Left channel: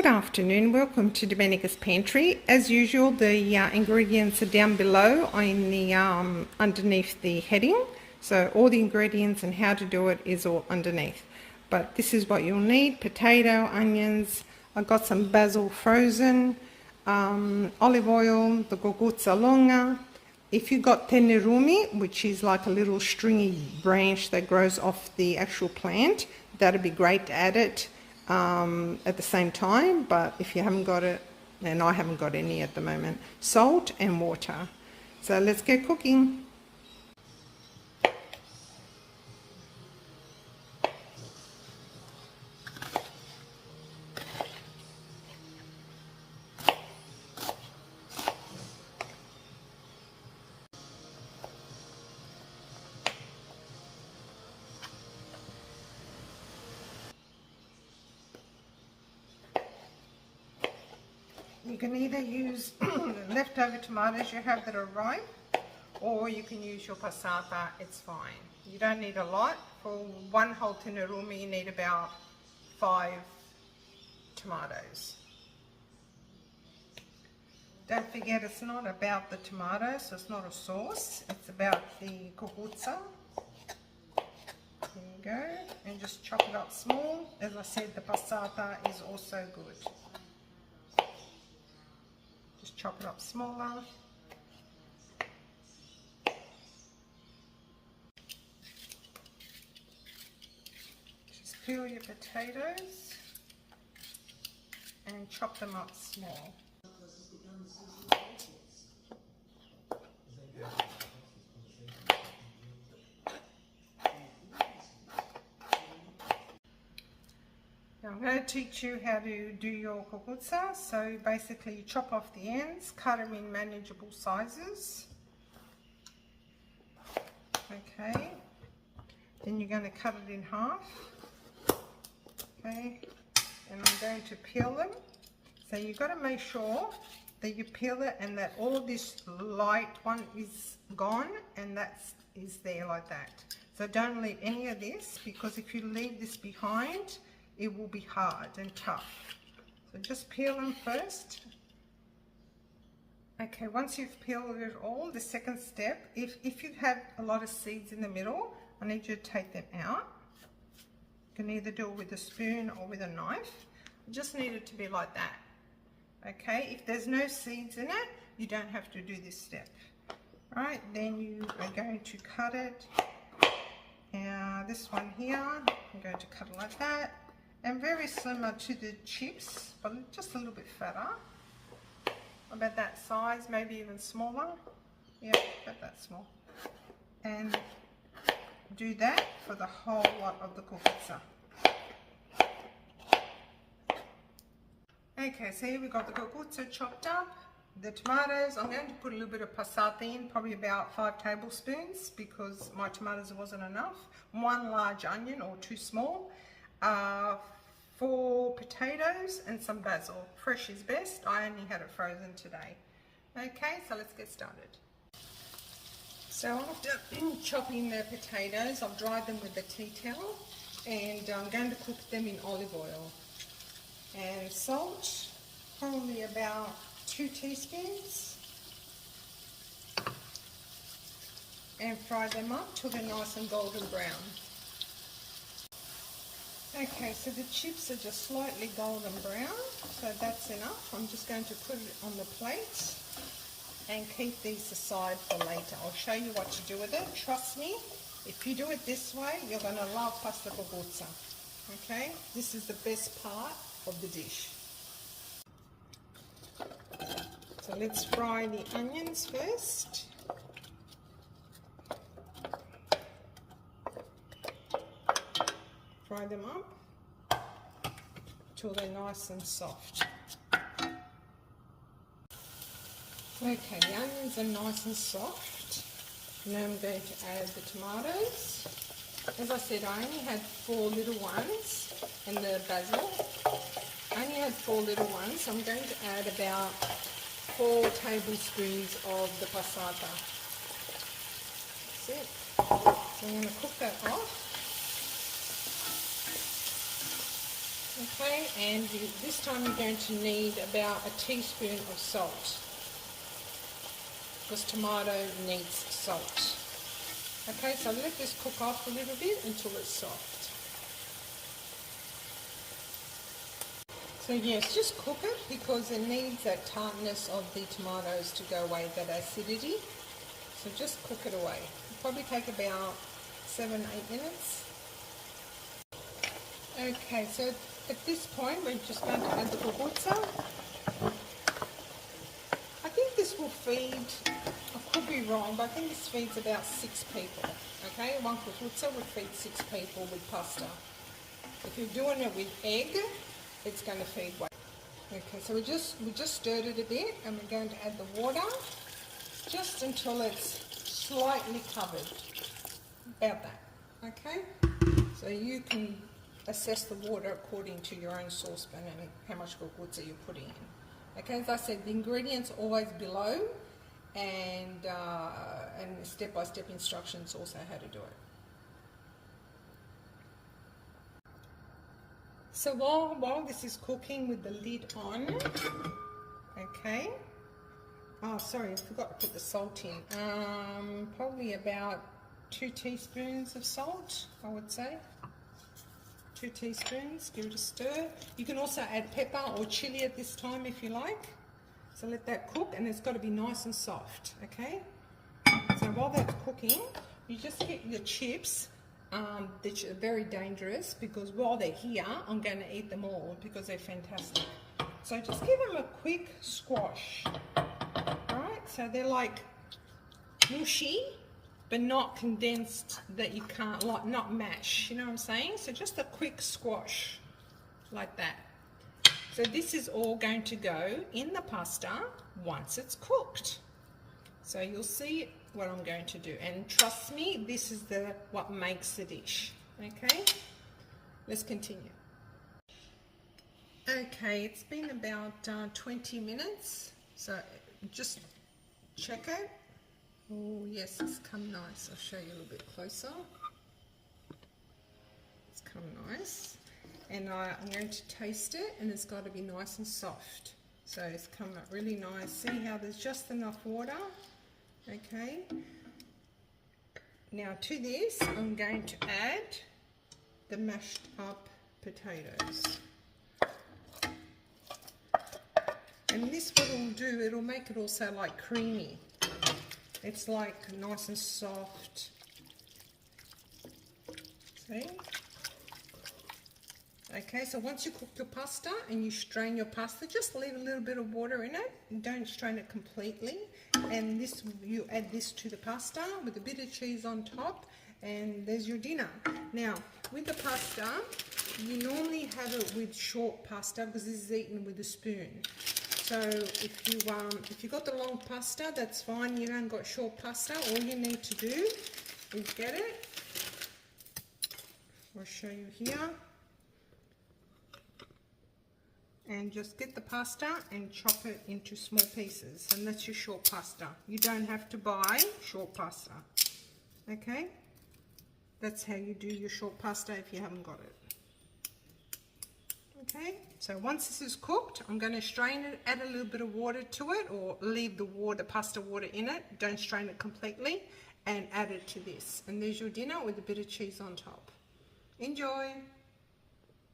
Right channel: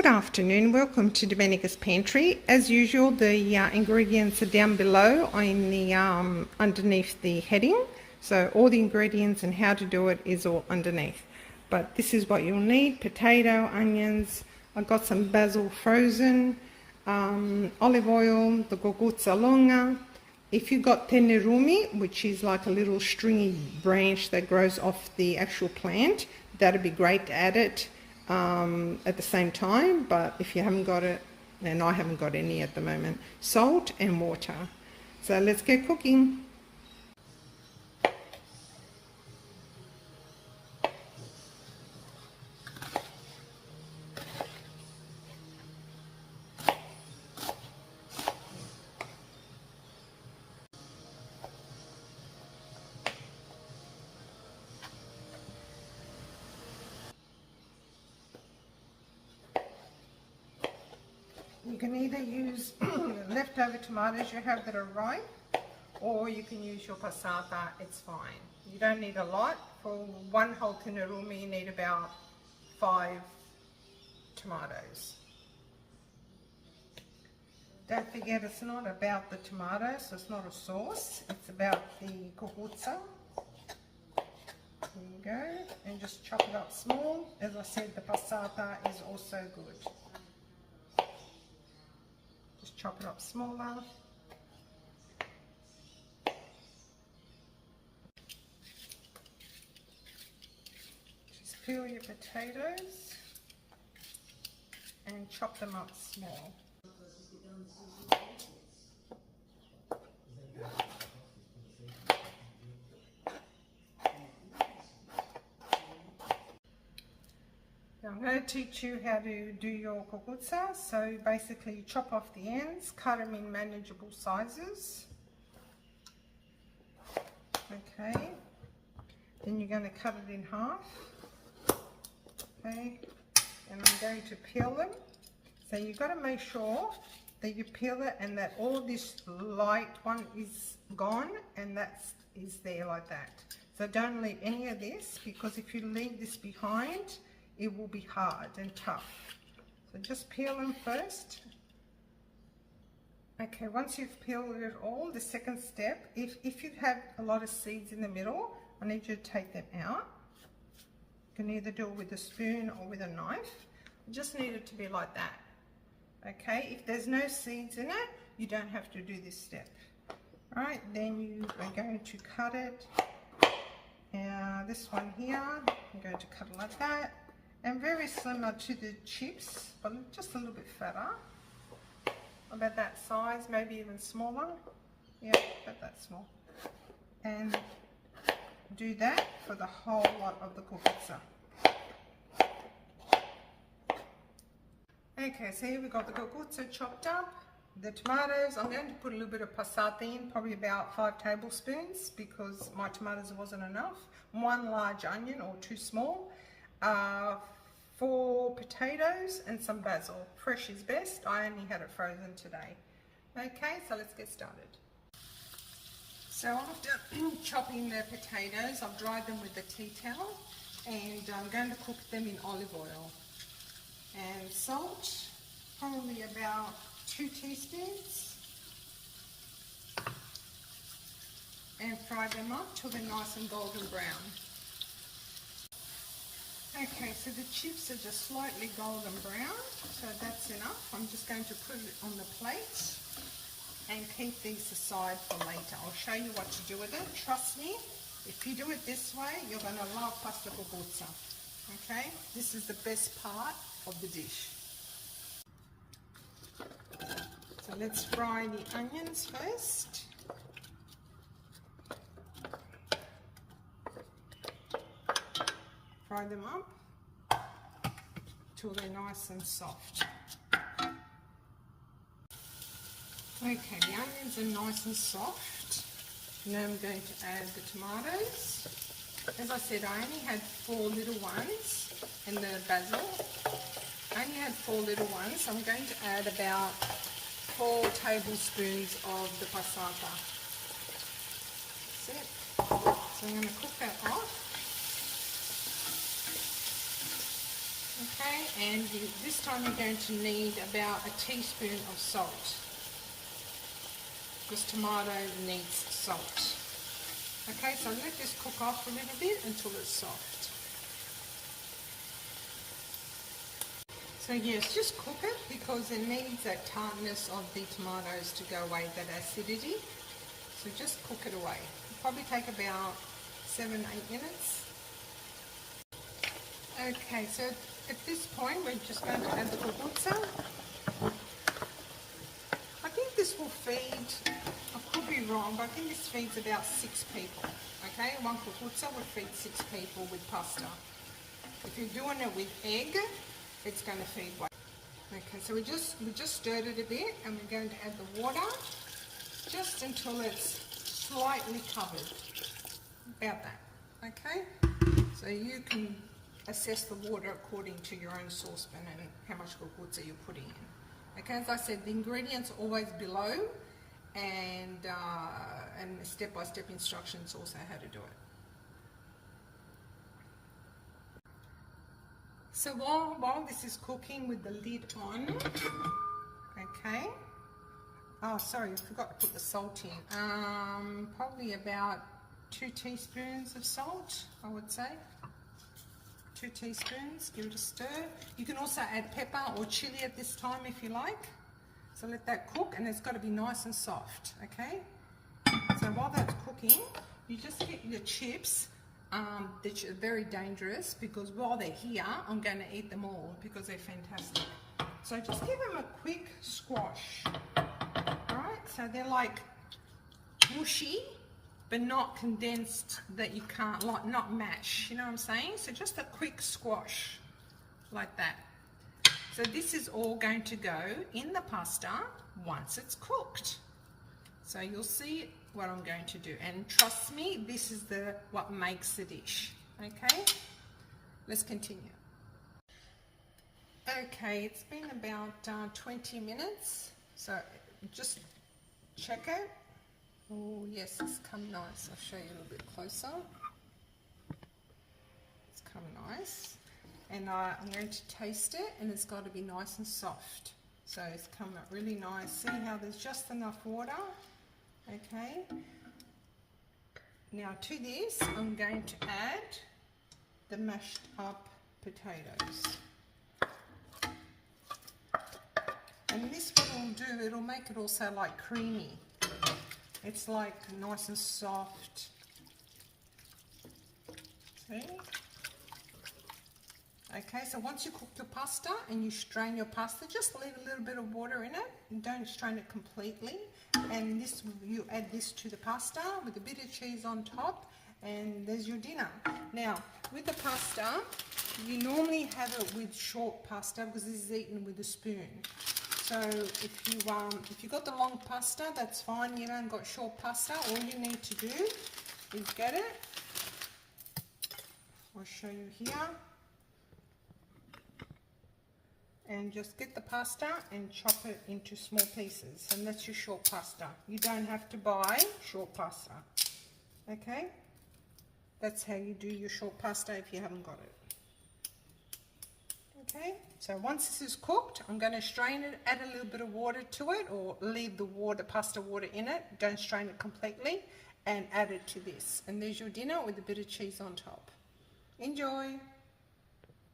Good afternoon, welcome to Domenica's Pantry. As usual, the ingredients are down below in the underneath the heading. So all the ingredients and how to do it is all underneath. But this is what you'll need: potato, onions, I've got some basil frozen, olive oil, the cucuzza longa. If you've got tenerumi, which is like a little stringy branch that grows off the actual plant, that'd be great to add it at the same time. But if you haven't got it, and I haven't got any at the moment, salt and water. So let's get cooking. You can either use leftover tomatoes you have that are ripe, or you can use your passata, it's fine. You don't need a lot. For one whole tenerumi you need about 5 tomatoes. Don't forget, it's not about the tomatoes, so it's not a sauce, it's about the cucuzza. There you go, and just chop it up small. As I said, the passata is also good. Chop it up smaller. Just peel your potatoes and chop them up small. I'm going to teach you how to do your cucuzza. So basically you chop off the ends, cut them in manageable sizes. Okay, then you're going to cut it in half. Okay, and I'm going to peel them. So you've got to make sure that you peel it and that all of this light one is gone and that is there like that. So don't leave any of this, because if you leave this behind, it will be hard and tough. So just peel them first. Okay, once you've peeled it all, the second step, if you have a lot of seeds in the middle, I need you to take them out. You can either do it with a spoon or with a knife. You just need it to be like that. Okay, if there's no seeds in it, you don't have to do this step. All right, then you are going to cut it. This one here, I'm going to cut it like that. And very similar to the chips, but just a little bit fatter. About that size, maybe even smaller. Yeah, about that small. And do that for the whole lot of the cucuzza. Okay, so here we've got the cucuzza chopped up. The tomatoes, I'm going to put a little bit of passata in, probably about 5 tablespoons, because my tomatoes wasn't enough. 1 large onion, or 2 small. 4 potatoes and some basil. Fresh is best. I only had it frozen today. Okay, so let's get started. So after chopping the potatoes, I've dried them with a tea towel, and I'm going to cook them in olive oil. And salt, probably about 2 teaspoons. And fry them up till they're nice and golden brown. Okay, so the chips are just slightly golden brown, so that's enough. I'm just going to put it on the plate and keep these aside for later. I'll show you what to do with it. Trust me, if you do it this way, you're going to love pasta cucuzza. Okay, this is the best part of the dish. So let's fry the onions first. Fry them up till they're nice and soft. Okay, the onions are nice and soft. Now I'm going to add the tomatoes. As I said, I only had 4 little ones, and the basil. I only had 4 little ones, so I'm going to add about 4 tablespoons of the passata. That's it. So I'm going to cook that off. Okay, Okay, and this time you're going to need about a teaspoon of salt, because tomato needs salt. Okay, so let this cook off a little bit until it's soft. So yes, just cook it because it needs that tartness of the tomatoes to go away, that acidity. So just cook it away. It'll probably take about 7-8 minutes. Okay, so at this point we're just going to add the cucuzza. I think this will feed, I could be wrong, but I think this feeds about 6 people. Okay, one cucuzza will feed 6 people with pasta. If you're doing it with egg, it's going to feed one. Okay, so we just stirred it a bit, and we're going to add the water just until it's slightly covered. About that. Okay, so you can assess the water according to your own saucepan and how much cucuzza you're putting in. Okay, as I said, the ingredients are always below, and step-by-step instructions also how to do it. So while this is cooking with the lid on, okay, oh sorry, I forgot to put the salt in, probably about 2 teaspoons of salt, I would say. 2 teaspoons, give it a stir. You can also add pepper or chili at this time if you like. So let that cook, and it's got to be nice and soft, okay? So while that's cooking, you just get your chips, which are very dangerous, because while they're here, I'm going to eat them all because they're fantastic. So just give them a quick squash, alright? So they're like mushy, but not condensed that you can't, like not mash, you know what I'm saying? So just a quick squash, like that. So this is all going to go in the pasta once it's cooked. So you'll see what I'm going to do, and trust me, this is what makes the dish. Okay, let's continue. Okay, it's been about 20 minutes, so just check it. Oh yes, it's come nice. I'll show you a little bit closer. It's come nice, and I'm going to taste it, and it's got to be nice and soft. So it's come up really nice. See how there's just enough water. Okay, now to this I'm going to add the mashed up potatoes, and this what it'll do, it'll make it also like creamy. It's like nice and soft. See? Okay, so once you cook your pasta and you strain your pasta, just leave a little bit of water in it. Don't strain it completely. And this, you add this to the pasta with a bit of cheese on top, and there's your dinner. Now, with the pasta, you normally have it with short pasta because this is eaten with a spoon. So if you got the long pasta, that's fine. You don't got short pasta. All you need to do is get it. I'll show you here. And just get the pasta and chop it into small pieces, and that's your short pasta. You don't have to buy short pasta. Okay, that's how you do your short pasta if you haven't got it. Okay, so once this is cooked, I'm going to strain it, add a little bit of water to it, or leave the pasta water in it. Don't strain it completely, and add it to this. And there's your dinner with a bit of cheese on top. Enjoy.